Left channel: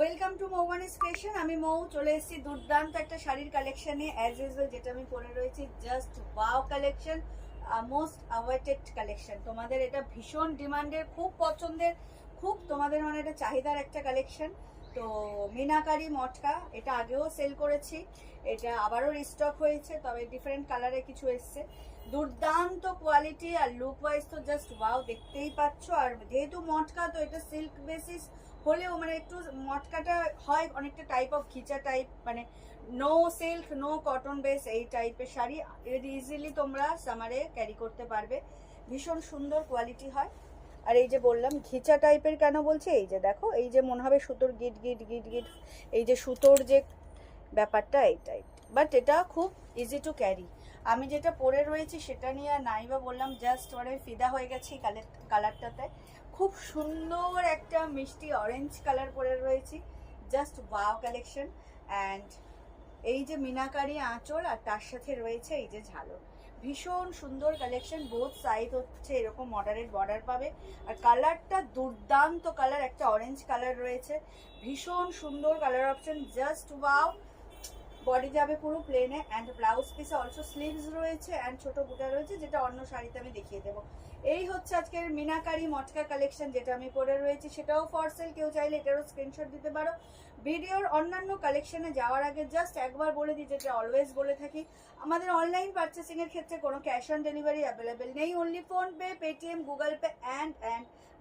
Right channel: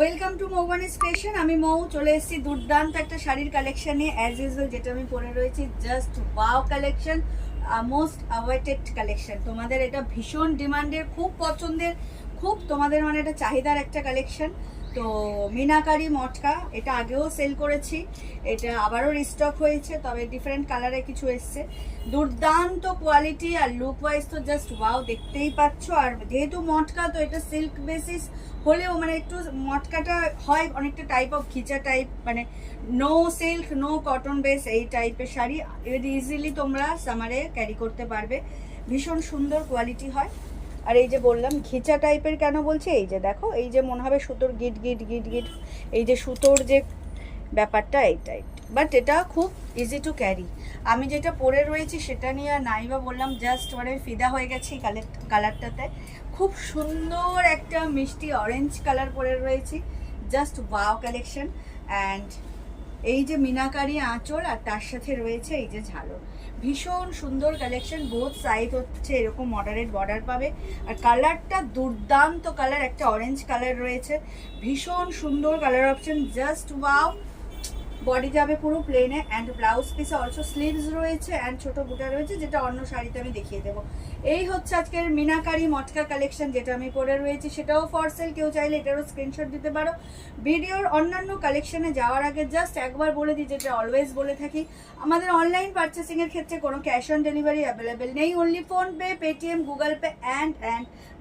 Welcome to মৌবানিস fashion. আমি মৌ চলে এসেছি দুর্দান্ত একটা শাড়ির কালেকশন নিয়ে। অ্যাজ ইউজুয়াল যেটা আমি পরে রয়েছি, just wow collection, most awaited collection. তোমাদের এটা ভীষণ ডিমান্ডের, খুব পছন্দের, খুব তোমাদের মানে এটা চাহিদার একটা কালেকশন। তো মিনাকারি মটকা, এটা আগেও সেল করেছি, এটা আবারও রিস্টক হয়েছে, তবে ডিফারেন্ট কালারে কিছু এসছে। দুর্দান্ত কোয়ালিটি আর লুক ওয়াইজ তো জাস্ট ওয়াও, দেখতেই পাচ্ছ। আর যেহেতু মটকা, তো এটা সিল্ক বেসিস হলেও মানে একটু মটকাটা হয় অনেকটা টাইপ অফ খিচা টাইপ, মানে no silk no cotton base এই টাইপের শাড়ি ইজিলি তোমরা সামারে ক্যারি করতে পারবে। ভীষণ সুন্দর কোয়ালিটি হয়। আর এই যে বললাম ঘিচা টাইপের কেন বলছি, এই যে দেখো, এই যে মনে হবে সুতোর গিট গিট গিট গিট, এই যে সুতোর যে ব্যাপারটা এই টাইপ, বাট এটা খুব ইজি টু ক্যারি। আমি যেটা পরে রয়েছি সেটা নিয়ে নাই বা বললাম, জাস্ট মানে ফিদা হয়ে গেছি কালারটাতে। খুব সুন্দর একটা মিষ্টি অরেঞ্জ কালার পরে রয়েছি, জাস্ট ওয়াও কালেকশন। অ্যান্ড এই যে মিনাকারি আঁচল আর তার সাথে রয়েছে এই যে ঝালর, ভীষণ সুন্দর কালেকশন। বোথ সাইড হচ্ছে এরকম মডারেট বর্ডার পাবে, আর কালারটা দুর্দান্ত কালার, একটা অরেঞ্জ কালার রয়েছে, ভীষণ সুন্দর colour option, just wow. Body যাবে পুরো প্লেনে, অ্যান্ড ব্লাউজ পিসে অলসো স্লিভস রয়েছে অ্যান্ড ছোট বুটা রয়েছে, যেটা অন্য শাড়িতে আমি দেখিয়ে দেবো। এই হচ্ছে আজকের মিনাকারি মটকা কালেকশন যেটা আমি পরে রয়েছি, সেটাও ফর সেল। কেউ চাইলে এটারও স্ক্রিনশট দিতে পারো। ভিডিওর অন্যান্য কালেকশনে যাওয়ার আগে জাস্ট একবার বলে দিই, যেটা অলওয়েজ বলে থাকি, আমাদের অনলাইন পারচেসিংয়ের ক্ষেত্রে কোনো ক্যাশ অন ডেলিভারি অ্যাভেলেবেল নেই। Only PhonePe, Paytm, Google Pay and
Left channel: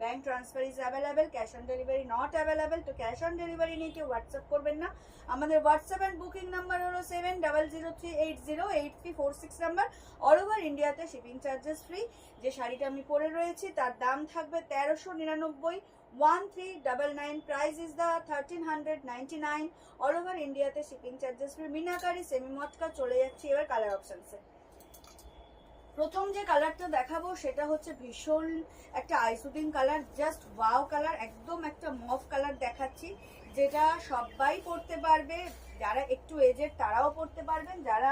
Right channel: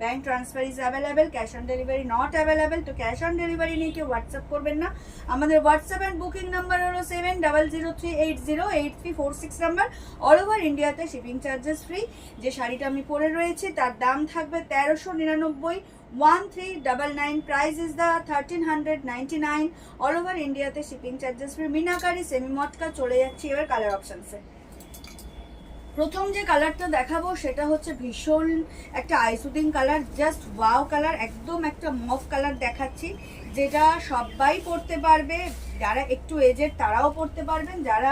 bank transfer is available. Cash on delivery not available. তো ক্যাশ অন ডেলিভারি নিয়ে কেউ হোয়াটসঅ্যাপ করবেন না। আমাদের হোয়াটসঅ্যাপ অ্যান্ড বুকিং নাম্বার হলো 7003808346 নাম্বার। অল ওভার ইন্ডিয়াতে শিপিং চার্জেস ফ্রি। যে শাড়িটা আমি পরে রয়েছি তার দাম থাকবে 1399, 1399, price is the 1399। All over ইন্ডিয়াতে shipping charges free. Meenakari semi matka. চলে যাচ্ছি এবার কালার অপশনসে। প্রথম যে কালারটা দেখাবো সেটা হচ্ছে ভীষণ একটা eye soothing colour, just wow colour, একদম একটা মফ কালার দেখাচ্ছি, যেটা সবাই পরতে পারবে। যারা একটু এজেড তারাও পরতে পারবেন, যারা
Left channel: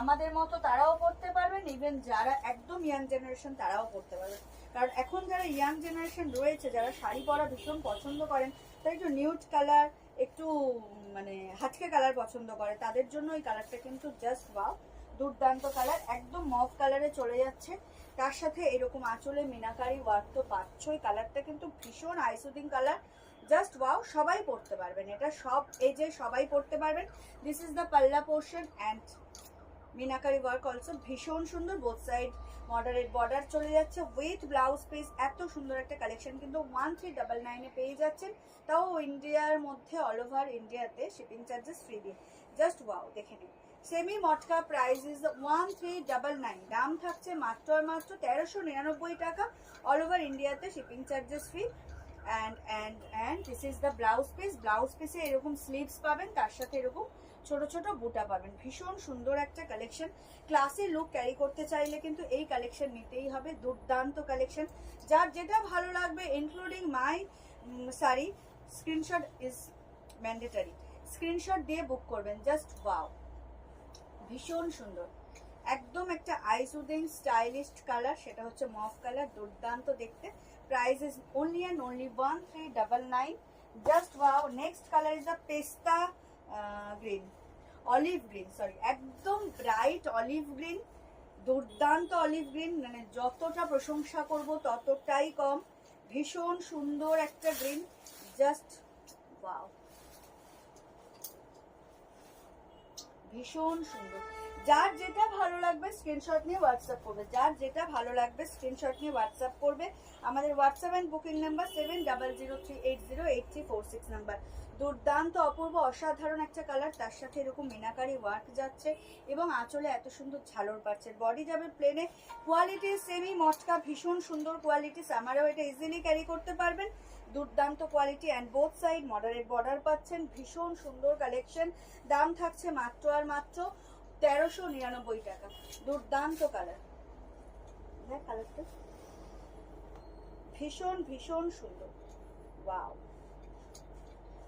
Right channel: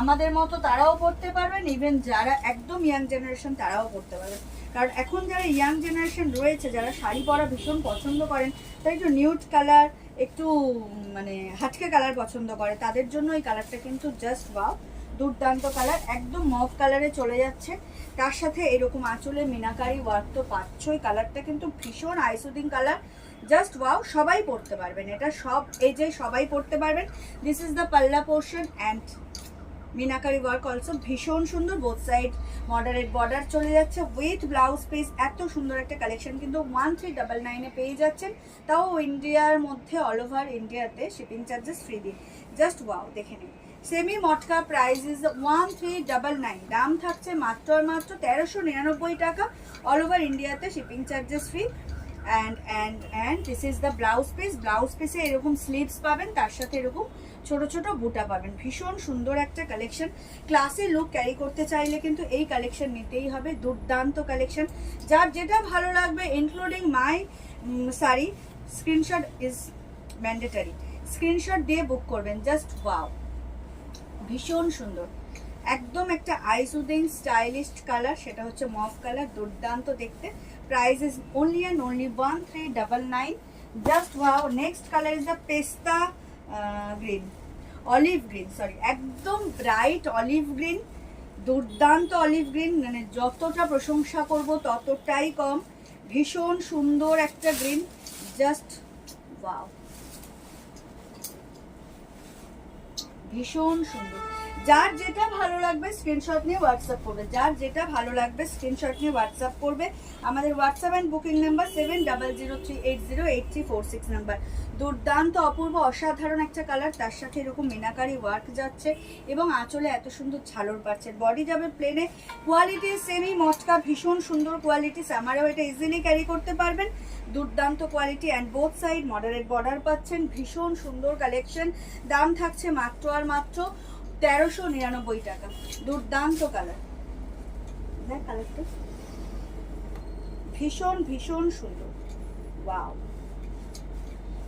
আমাদের মতো তারাও পরতে পারবেন, ইভেন যারা একদম ইয়াং জেনারেশন তারাও পরতে পারবেন। কারণ এখন যারা ইয়াং জেনারেশন রয়েছে, যারা শাড়ি পরা ভীষণ পছন্দ করেন, তাই একটু নিউড কালার, একটু মানে হাটকে কালার পছন্দ করে, তাদের জন্য এই কালারটা কিন্তু জাস্ট ওয়াও, দুর্দান্ত কালার, একদম মফ কালারে চলে যাচ্ছে। তার সাথে এরকম আঁচলে মিনাকারি ওয়ার্ক তো পাচ্ছই। কালারটা কিন্তু ভীষণ আইসুদিং কালার, জাস্ট ওয়াও। সবাই পরতে পারবেন, এটা সব এজে সবাই পরতে পারবেন। দিস ইজ দ্য পাল্লা portion and meenakari work also ভীষণ সুন্দর। বোথ সাইড মডারেট বর্ডার চলে যাচ্ছে উইথ ব্লাউজ পিস। এত সুন্দর একটা কালেকশন কিন্তু 1399-এ পেয়ে যাচ্ছেন, তাও ইন্ডিয়ার মধ্যে, অল ওভার ইন্ডিয়াতে শিপিং চার্জেস ফ্রি দিয়ে। জাস্ট ওয়াও, দেখে নিন। সেমি মটকা প্রাইস ইজ 1399, দাম থাকছে মাত্র আর মাত্র 1399 টাকা। অল ওভার ইন্ডিয়াতে shipping charges free. And this is the blouse piece. Blouse পিসে এরকম স্লিভস পাবেন, তার সাথে এরকম ছোট ছোট বুটা পাবেন। ভীষণ সুন্দর একটা কালেকশন। ক্লাসে লুক ক্যারি করতে চাইলে কিন্তু এই কালেকশন নিতেই হবে, দুর্দান্ত কালেকশন। যার যেটা ভালো লাগবে including my sari, screenshot is mandatory. Screenshot দিয়ে বুক করবেন। জাস্ট ওয়াও, ভীষণ সুন্দর, একদম একটা আইসুদিং স্টাইলিশ কালার, সেটা হচ্ছে মফ কালার, দুর্দান্ত দেখতে। Price is only and only 1399, just wow. Next colour is the পেস্তা গ্রিন, অলিভ গ্রিন, সরি, একদম ব্রাইট অলিভ গ্রিন, দুর্দান্ত অলিভ গ্রিন, মানে যতটা প্রশংসা করব ততটাই কম। ভীষণ সুন্দর একটা গ্রিন, জাস্ট ওয়াও, ভীষণ সুন্দর। যার যেটা ভালো লাগবে স্ক্রিনশট নিয়ে হোয়াটসঅ্যাপ করবে, যার যেটা ভালো লাগবে স্ক্রিনশট নিয়ে হোয়াটসঅ্যাপ করবে। আমাদের WhatsApp and booking number 7003808346 number. দুর্দান্ত অপূর্ব অসাধারণ একটা কালার, তার সাথে এরকম মিনাকারি ওয়ার্ক যাচ্ছে এবং আঁচলে এত সুন্দর ঝালর পাচ্ছে। বডি যাবে প্লেনে, কোয়ালিটি সেমি মটকা, ভীষণ সুন্দর কোয়ালিটি, সামারেও এটা ইজিলি ক্যারি করতে পারবেন। দুর্দান্ত quality and both side moderate border পাচ্ছেন। ভীষণ সুন্দর কালেকশন, দাম থাকছে মাত্র আর মাত্র 1399 টাকা। দুর্দান্ত কালার, দেখ কালারটা ভীষণ ভীষণ সুন্দর, ওয়াও,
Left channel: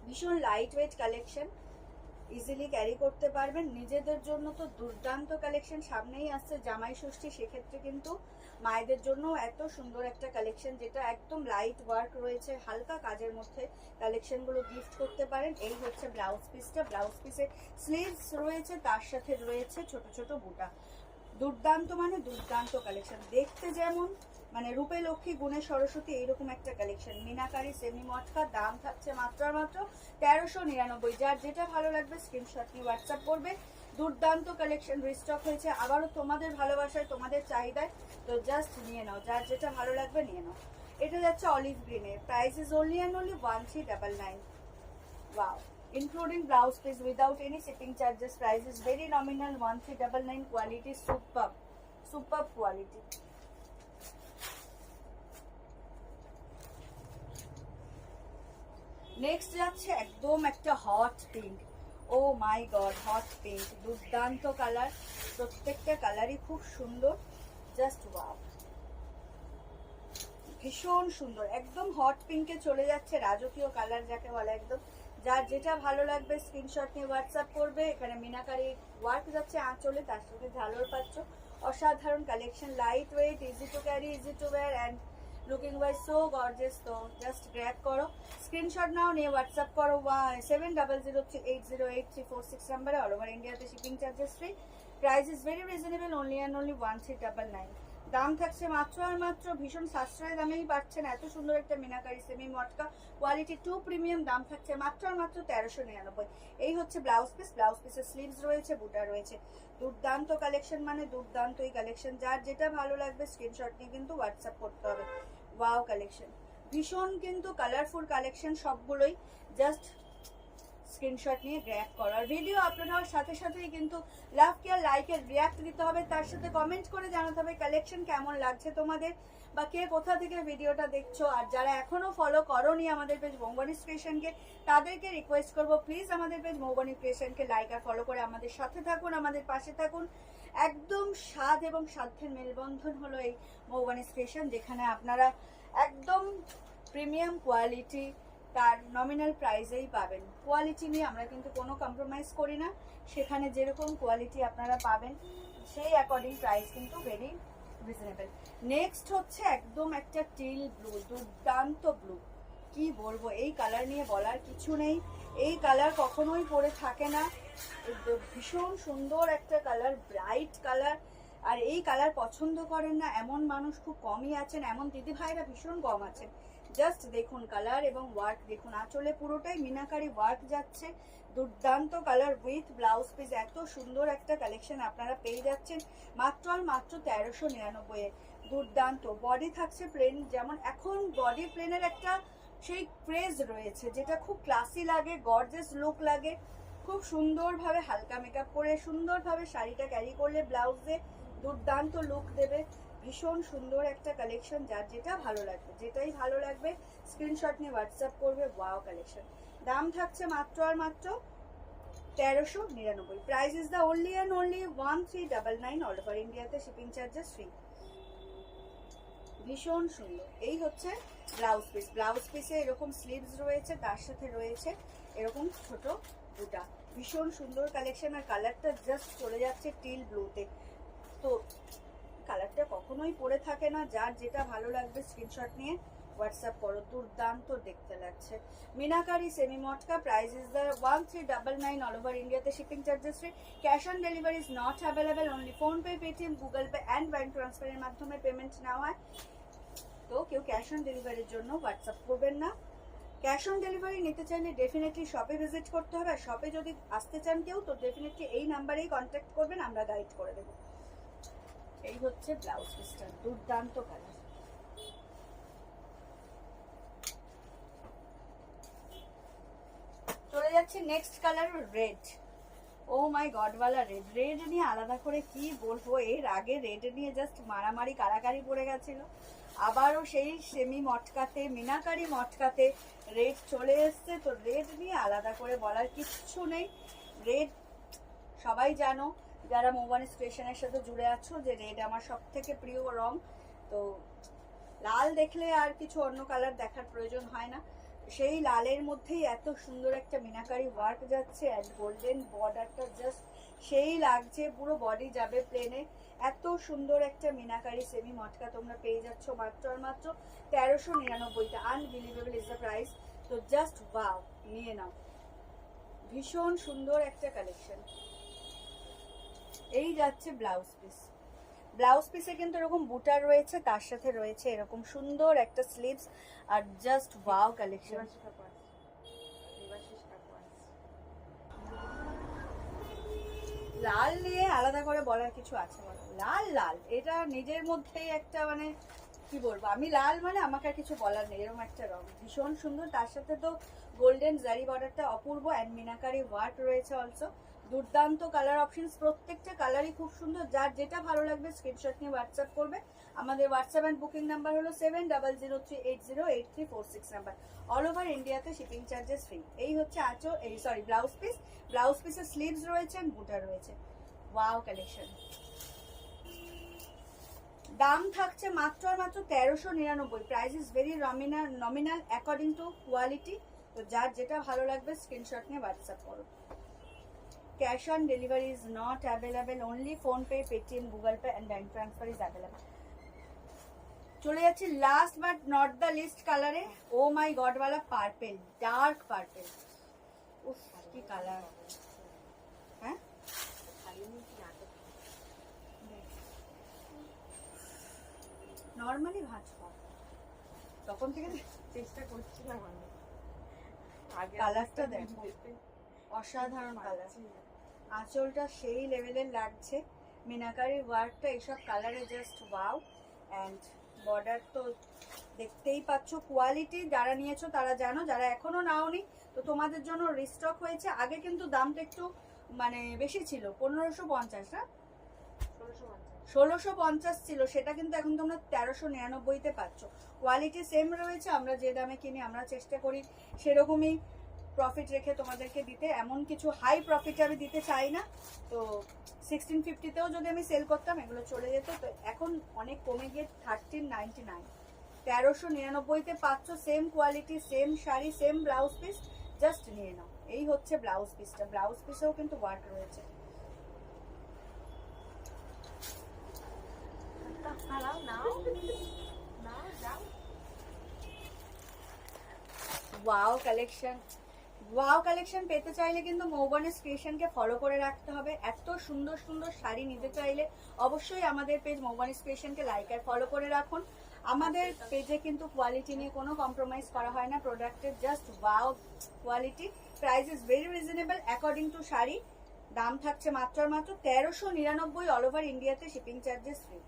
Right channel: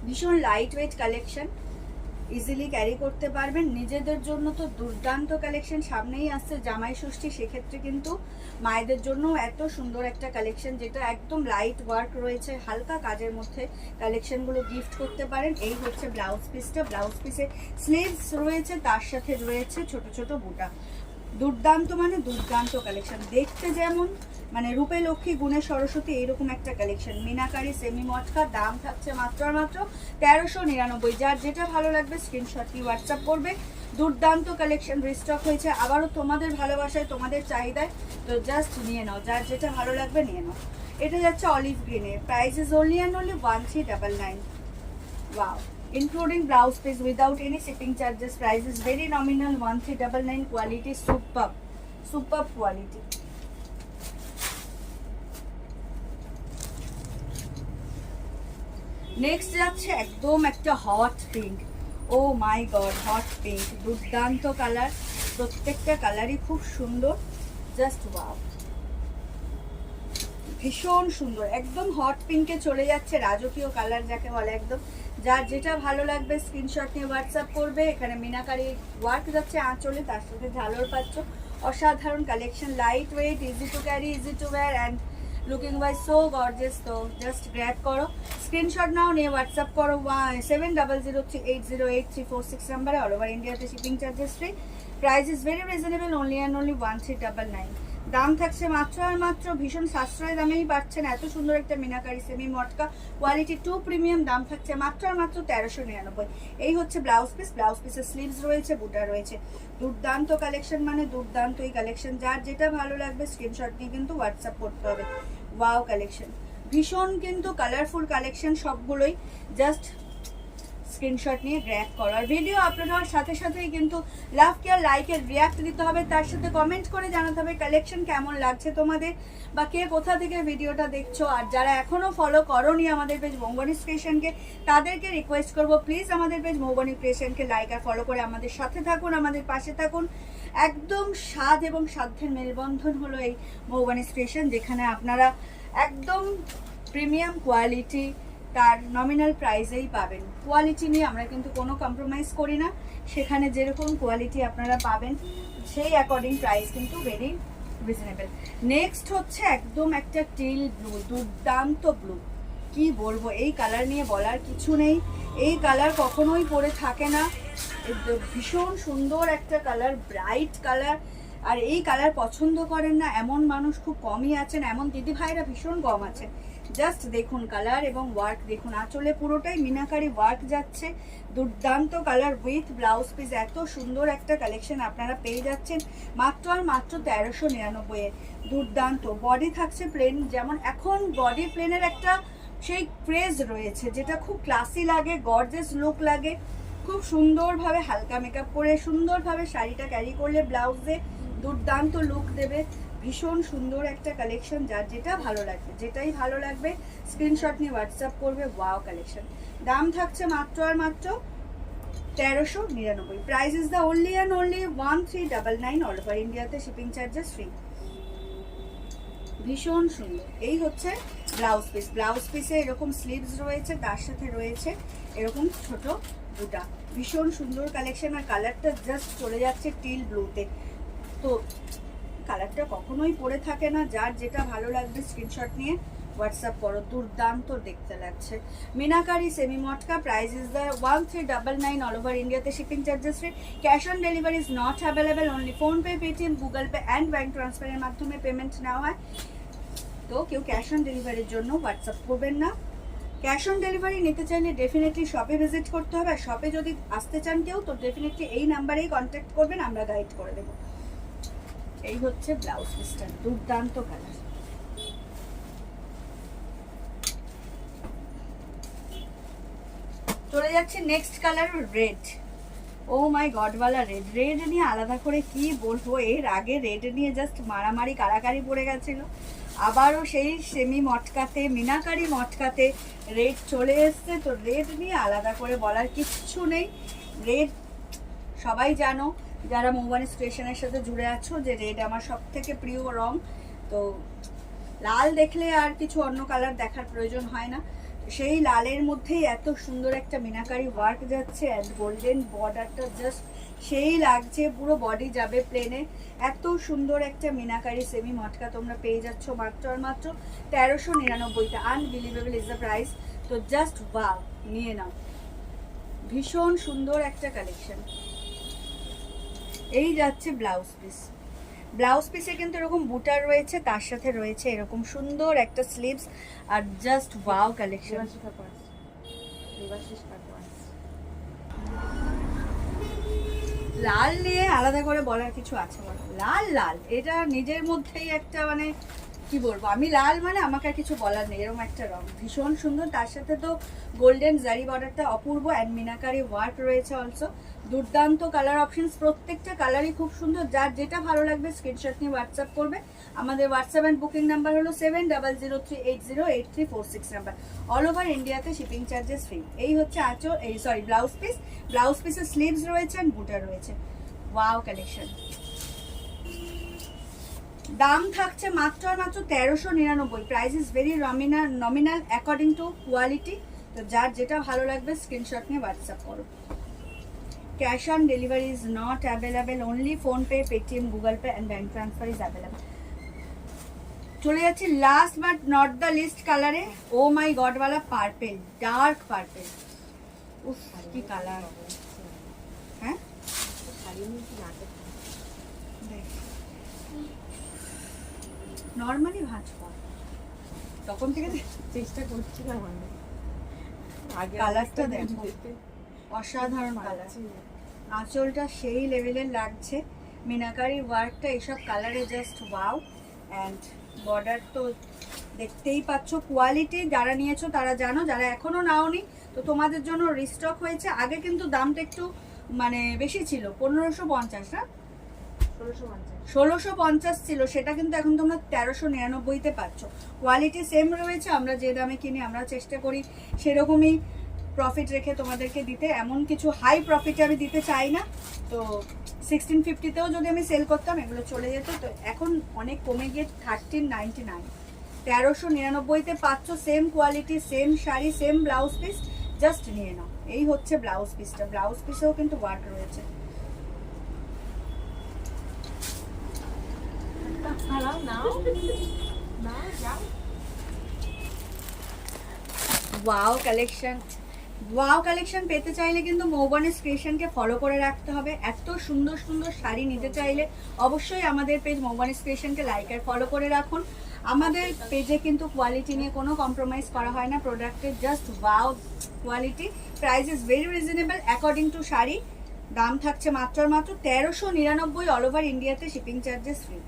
ভীষণ light weight collection. Easily carry করতে পারবেন। নিজেদের জন্য তো দুর্দান্ত কালেকশন, সামনেই আসছে জামাই ষষ্ঠী, সেক্ষেত্রে কিন্তু মায়েদের জন্য এত সুন্দর একটা কালেকশন যেটা একদম লাইট ওয়ার্ক রয়েছে, হালকা কাজের মধ্যে কালেকশনগুলো গিফট করতে পারেন। এই হচ্ছে ব্লাউজ পিসটা, ব্লাউজ পিসে স্লিভস রয়েছে, তার সাথে রয়েছে ছোট ছোট বুটা। দুর্দান্ত মানে দুর্দান্ত কালেকশন, দেখতে যেমন মানে রূপে লক্ষ্মী গুণে সরস্বতী এইরকম একটা কালেকশন। মিনাকারি সেমি মটকা, দাম থাকছে মাত্র আর মাত্র 1399। যার যেটা ভালো লাগবে স্ক্রিনশট নিয়ে হোয়াটসঅ্যাপ করবে। দুর্দান্ত কালেকশন রিস্টক হয়েছে আবারও তোমাদের ভালোবাসায়, তোমাদের চাহিদায়, তো জাস্ট নিয়ে নাও, যার যেটা ভালো লাগবে নিয়ে নাও। এটা যাচ্ছে অলিভ গ্রিনে, price is only and only 1399। Wow, including blouse piece without any shipping charges. Price is very nominal, 1399. Quality superb, superb quality. Next যাচ্ছে একদম একটা হট পিঙ্ক। ও মাই গড, হট পিঙ্ক, দুর্দান্ত কালার, প্রত্যেকটা কালারই খুব সুন্দর, জাস্ট ওয়াও, ভীষণ সুন্দর। একদম হট পিঙ্কে চলে যাচ্ছে, রাজকীয় কালার যাকে বলে একদম। যার যেটা ভালো লাগবে স্ক্রিনশট নিয়ে হোয়াটসঅ্যাপ করবে। এখানে মিনাকারি ওয়ার্ক যাচ্ছে আঁচলে, তার সাথে ঝালর পাচ্ছ, অসাধারণ collection, light weight, easy to carry, easy to wire and looking wise so gorgeous. তো জাস্ট গ্র্যাব করো, স্ক্রিনশট নাও, নিয়ে হোয়াটসঅ্যাপ করো 7003808346 নাম্বারে। অল ওভার ইন্ডিয়াতে shipping charges free. Price is very reasonable, only and only 1399। দাম থাকছে মাত্র আর মাত্র, ভীষণ সাশ্রয় দামেই পাচ্ছেন এত সুন্দর একটা মিনাকারি সেমি মটকা, কোয়ালিটি 2 প্রিমিয়াম। দাম থাকছে মাত্র আর মাত্র 1399। এই হচ্ছে ব্লাউজ পিস, ব্লাউজ পিসের স্লিভস রয়েছে, বুটা রয়েছে। দুর্দান্ত কালেকশন মানে দুর্দান্ত এই কালেকশন, যার যেটা ভালো লাগবে স্ক্রিনশট নিয়ে কিন্তু হোয়াটসঅ্যাপ করতে হবে। ওয়াও কালেকশন, ভীষণ কিন্তু কালারফুল কালেকশন সবগুলোই, জাস্ট স্ক্রিনশট নিয়ে গ্র্যাব করো। আর ভিডিও আপলোড হওয়ার সাথে সাথেই কিন্তু লাভ কেয়ার লাইকের রিয়াক্ট দিতে হবে, তার সাথে কমেন্ট করে জানাতে হবে কালেকশন কেমন লাগছে তোমাদের, বা কে কোথা থেকে ভিডিওটা দেখছো। আর যারা এখনও ফলো করোনি আমাদের পেজ মৌবনী ক্রিয়েশনকে, তাদেরকে রিকোয়েস্ট করবো প্লিজ আমাদের পেজ মৌবনী ক্রিয়েশনকে লাইক আর ফলো করে আমাদের সাথে থাকুন, আমাদের পাশে থাকুন। একদম স্বাদ এবং সাধ্যের মেলবন্ধন হলো এই মৌবনী ক্রিয়েশন, যেখানে আপনারা একদম প্রিমিয়াম কোয়ালিটি তার নমিনাল প্রাইসেই পাবেন। কোয়ালিটি নিয়ে আমরা কিন্তু কোনো কম্প্রোমাইজ করি না, সেখানে যেরকম কোয়ালিটি আপনারা পাবেন সেই অ্যাকর্ডিং প্রাইস কিন্তু ভেরি রিজনেবল। নেক্সট হচ্ছে একদম একটা টিল ব্লু, দুর্দান্ত ব্লু, কি বলবো, এই কালার নিয়ে বলার কিছু নেই। এই কালার কখনোই পরে থাকে না, ভীষণ সুন্দর একটা কালার, ব্রাইট কালার। আর এই কালার পছন্দ করেন না এমন মানুষ খুব কমই আছেন, এমন দিদি ভাইরা ভীষণ কম আছেন। জাস্ট দেখুন কালার এবং ওয়ার্ক দেখুন, আঁচলে পুরোটাই মিনাকারি ওয়ার্ক যাচ্ছে, দুর্দান্ত কালার উইথ ব্লাউজ পিস। এত সুন্দর একটা কালেকশন আপনারা পেয়ে যাচ্ছেন মাত্র আর মাত্র 1399-এ। দুর্দান্ত বডি থাকছে প্লেন, যেমন এখন বডি প্লেনের একটা সেই ক্রেজ রয়েছে যেটা খুব ক্লাসি লাগে, গর্জিয়াস লুক লাগে, খুব সুন্দরভাবে হালকা মেকআপ করে সুন্দরভাবে শাড়িটা ক্যারি করলে ব্লাউজে দুর্দান্ত লুক দেবে। ভীষণ সুন্দর একটা কালেকশন, যার যেটা ভালো লাগবে, যেটাই ভালো লাগবে স্ক্রিনশট নিয়ে হোয়াটসঅ্যাপ করবে। ওয়াও কালেকশন, দাম থাকছে মাত্র আর মাত্র 1399। Price is the only and only 1399। All over ইন্ডিয়াতে শিপিং চার্জেস ফ্রি। ভীষণ সুন্দর। এই হচ্ছে ব্লাউজ পিস, ব্লাউজ পিসে এরকম স্লিভস রয়েছে, তার সাথে রয়েছে এরকম ছোট বুটা, ভীষণ সুন্দর কালেকশন। আর কালারটা জাস্ট চলে যাচ্ছে টিল ব্লুতে, তো কালারটা কখনোই পরে থাকে না, যার যেটা ভালো লাগবে স্ক্রিনশট নিয়ে হোয়াটসঅ্যাপ করো। দুর্দান্ত দেখতে লাগছে Meenakari semi matka. Price is the 1399। All over ইন্ডিয়াতে shipping charges free. Cash on delivery is not available, only PhonePe, Paytm, Google Pay and bank ট্রান্সফারের মাধ্যমে পেমেন্ট নেওয়া হয়। তো কেউ ক্যাশ অন ডেলিভারির জন্য হোয়াটসঅ্যাপ করবেন না। ক্যাশ অন ডেলিভারি নিতে চাইলে ডেফিনেটলি শপে ভিজিট করতে হবে, আর শপে যদি আসতে চান কেউ তো ডেফিনেটলি এই নাম্বারেই কন্ট্যাক্ট করবেন, আমরা গাইড করে দেবো। এই হচ্ছে ব্লাউজ পিসটা, দুর্দান্ত কালার। চলে যাচ্ছে নেক্সট কালার, রেড। ও মাই গডওয়ালা রেড, রেড নিয়ে আলাদা করে কি বলবো, এর আগে রেড নিয়ে জাস্ট মারামারি কারাকারি পড়ে গেছিল, আবারও সেই সেমি মটকাতে মিনাকারি মটকাতে রেড চলে এসছে। তো রেড নিয়ে আলাদা করে বলার কিচ্ছু নেই, রেড সবাই জানো যারা মৌবনী স্টেশনের সাথে জুড়ে আছো যে রেড আমার সব থেকে প্রিয় রং। তো লাল দেখলে আর কিছু অন্য কালার দেখার প্রয়োজন হয় না, সেই লালের মধ্যেই এত সুন্দর একটা মিনাকারি ওয়ার্ক যাচ্ছে, অ্যান্ড গোল্ডেন বর্ডারটা জাস্ট সেই লাগছে, পুরো বডি যাবে প্লেনে। এত সুন্দর একটা মিনাকারি সেমি মটকা তোমরা পেয়ে যাচ্ছ মাত্র আর মাত্র 1399-তে। Unbelievable is the price. তো জাস্ট ওয়াও, নিয়ে নাও। ভীষণ সুন্দর একটা কালেকশন। এই যাচ্ছে ব্লাউজ পিস। ব্লাউজ পিসে কিন্তু এরকম বুটার রয়েছে, তার সাথে রয়েছে এরকম সুন্দর একটা স্লিভস, আর জাস্ট ওয়াও কালেকশন। লাল নিয়ে আলাদা করে বলার কিছু আছে বলো? লাল লাল এটা নিজের মধ্যেই একটা মানে কি বলবো, আমি লাল মানে আমাকে আর কিছু বলার নেই, এরকম একটা রং ভীষণ সুন্দর। তার সাথে তো গোল্ডেন জারি বর্ডারটা অপূর্ব, অ্যান্ড মিনাকারি ওয়ার্ক রয়েছে অলসো। দুর্দান্ত কালার অপশনস, প্রত্যেকটা কালারই খুব সুন্দর। যার যেটা ভালো লাগবে স্ক্রিনশট নিয়ে হোয়াটসঅ্যাপ করবে। আমাদের হোয়াটসঅ্যাপ অ্যান্ড বুকিং নাম্বার হলো 7003808346 নাম্বার। অল ওভার ইন্ডিয়াতে শিপিং চার্জেস ফ্রি। এই হচ্ছে আঁচল, এই সরি ব্লাউজ পিস। ব্লাউজ পিসের স্লিভস রয়েছে অ্যান্ড বুটার রয়েছে। Wow collection. দাম থাকছে মাত্র আর মাত্র 1399। Price is very nominal according to quality. তো যার যেটা ভালো লাগবে স্ক্রিনশট নিয়ে হোয়াটসঅ্যাপ করো। Cash on delivery is not available, only PhonePe, Paytm, Google Pay and bank transfer is available. চলে যাচ্ছি last but not the list কালারে। ও মাই গড ওয়ালা পার্পেল, ডার্ক পার্পেল। উফ কি কালার। হ্যাঁ নর্মালি ভাঁজ কর, তখন থেকে চেষ্টা করছিলাম আমি। কালারটা দেখো, অসাধারণ কালার। আঁচলটা সেই লেভেলের লাগছে, মিনাকারি ওয়ার্কটা এসব কালারে জাস্ট ওয়াও। অ্যান্ড বর্ডার তো দেখতেই পাচ্ছ, কোয়ালিটি যারা নিয়েছো তারা জানো, যারা এখনো নাওনি তো তোমাদের জন্য রিস্টক হয়েছে। আগে কিন্তু দামটা একটু মানে বেশি ছিল, 1550 না 1650 ছিল, সেটা কিন্তু এখন তোমরা 1399-তে পাচ্ছ। কোয়ালিটি সেম রয়েছে, আমরা যে দামে কিনি আমরা চেষ্টা করি সেরকমই প্রফিট রেখে তোমাদেরকে দিতে। এমন কিছু হাই প্রফিটে আমি দিতে চাই না। তো 1650-তেও যদি আমি সেল করতাম এগুলো চলে যেত, তো এখন অনেক কমে গিয়ে 1399। 1399-তে পাচ্ছ same quality, same sari, same blouse piece. Just নিয়ে নাও। এই হচ্ছে ব্লাউজ পিসটা। ব্লাউজ পিসেও কিন্তু ওয়ার্ক রয়েছে। Wow collection. ওয়াও কালেকশন পেতে চাইলে কিন্তু মৌবনিস ক্রিয়েশনকে ফলো করে রাখতে হবে। এত সুন্দর সুন্দর শাড়ি নিতে চাইলে অবশ্যই আমাদের পেজ মৌবনিস ক্রিয়েশনকে লাইক আর ফলো করে রাখুন। আমাদের পেজে কিন্তু কোয়ালিটি নিয়ে কোনো কম্প্রোমাইজ করা হয় না প্রোডাক্টের, just wow quality. Price is very reasonable according to sari. দাম থাকছে মাত্র মাত্র 1399, অল ওভার ইন্ডিয়াতে শিপিং চার্জেস ফ্রি।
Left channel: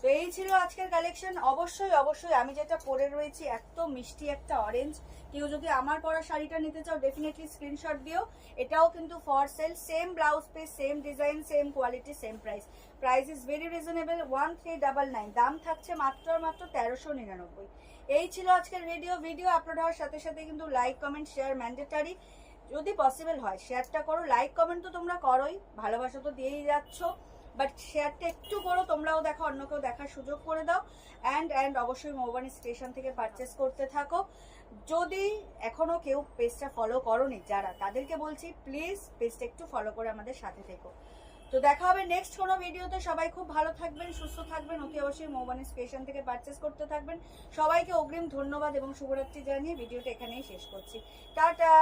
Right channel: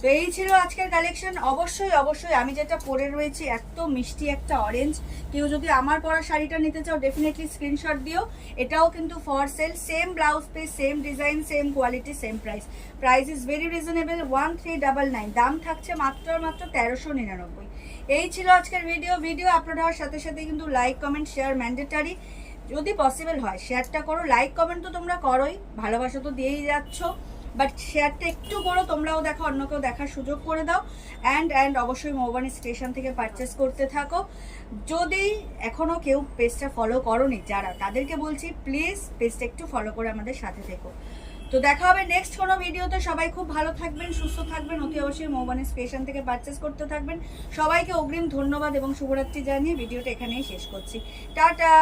তো এই ছিল আজকের কালেকশন। অবশ্যই অবশ্যই আমি যেটা পরে রয়েছি এত মিষ্টি একটা অরেঞ্জ, কেউ যদি আমার পরা শাড়িটা নিতে চাও ডেফিনেটলি স্ক্রিনশট দিও। এটাও কিন্তু for sale, same blouse piece, same design, same quality, same price. Price is very reasonable 1399। দাম থাকছে মাত্র মাত্র 1399। এই ছিল আজকের ভিডিও আপলোড হওয়ার সাথে সাথে কিন্তু লাইক কমেন্ট শেয়ার ম্যান্ডেটারি। যদি পসিবল হয় শেয়ারটা করো। লাইক কমেন্ট তো তোমরা করোই, ভালোবাসা তো দিয়েই যাচ্ছ, বাট শেয়ারটা একটু করো, তোমরাও দেখো, অন্যকেও দেখার সুযোগ করে দাও। অ্যান্ড অবশ্যই মৌবনি স্টেশন থেকে পারচেস করতে থাকো। যদি এখনো কেউ পেজটা ফলো করোনি যারা, তাদেরকে বলছি প্লিজ পেজটা একটু ফলো করে আমাদের সাথে থেকো। তো দেখা হবে নেক্সট কোনো ভিডিওতে। সবাই খুব ভালো থাকবেন, সুস্থ থাকবেন, অতি অবশ্যই মৌবনি স্টেশন থেকে পারচেস করতে থাকবেন। সবাইকে অগ্রিম ধন্যবাদ এবং শুভরাত্রি জানিয়ে ভিডিওটা এখানেই শেষ করছি। টাটা।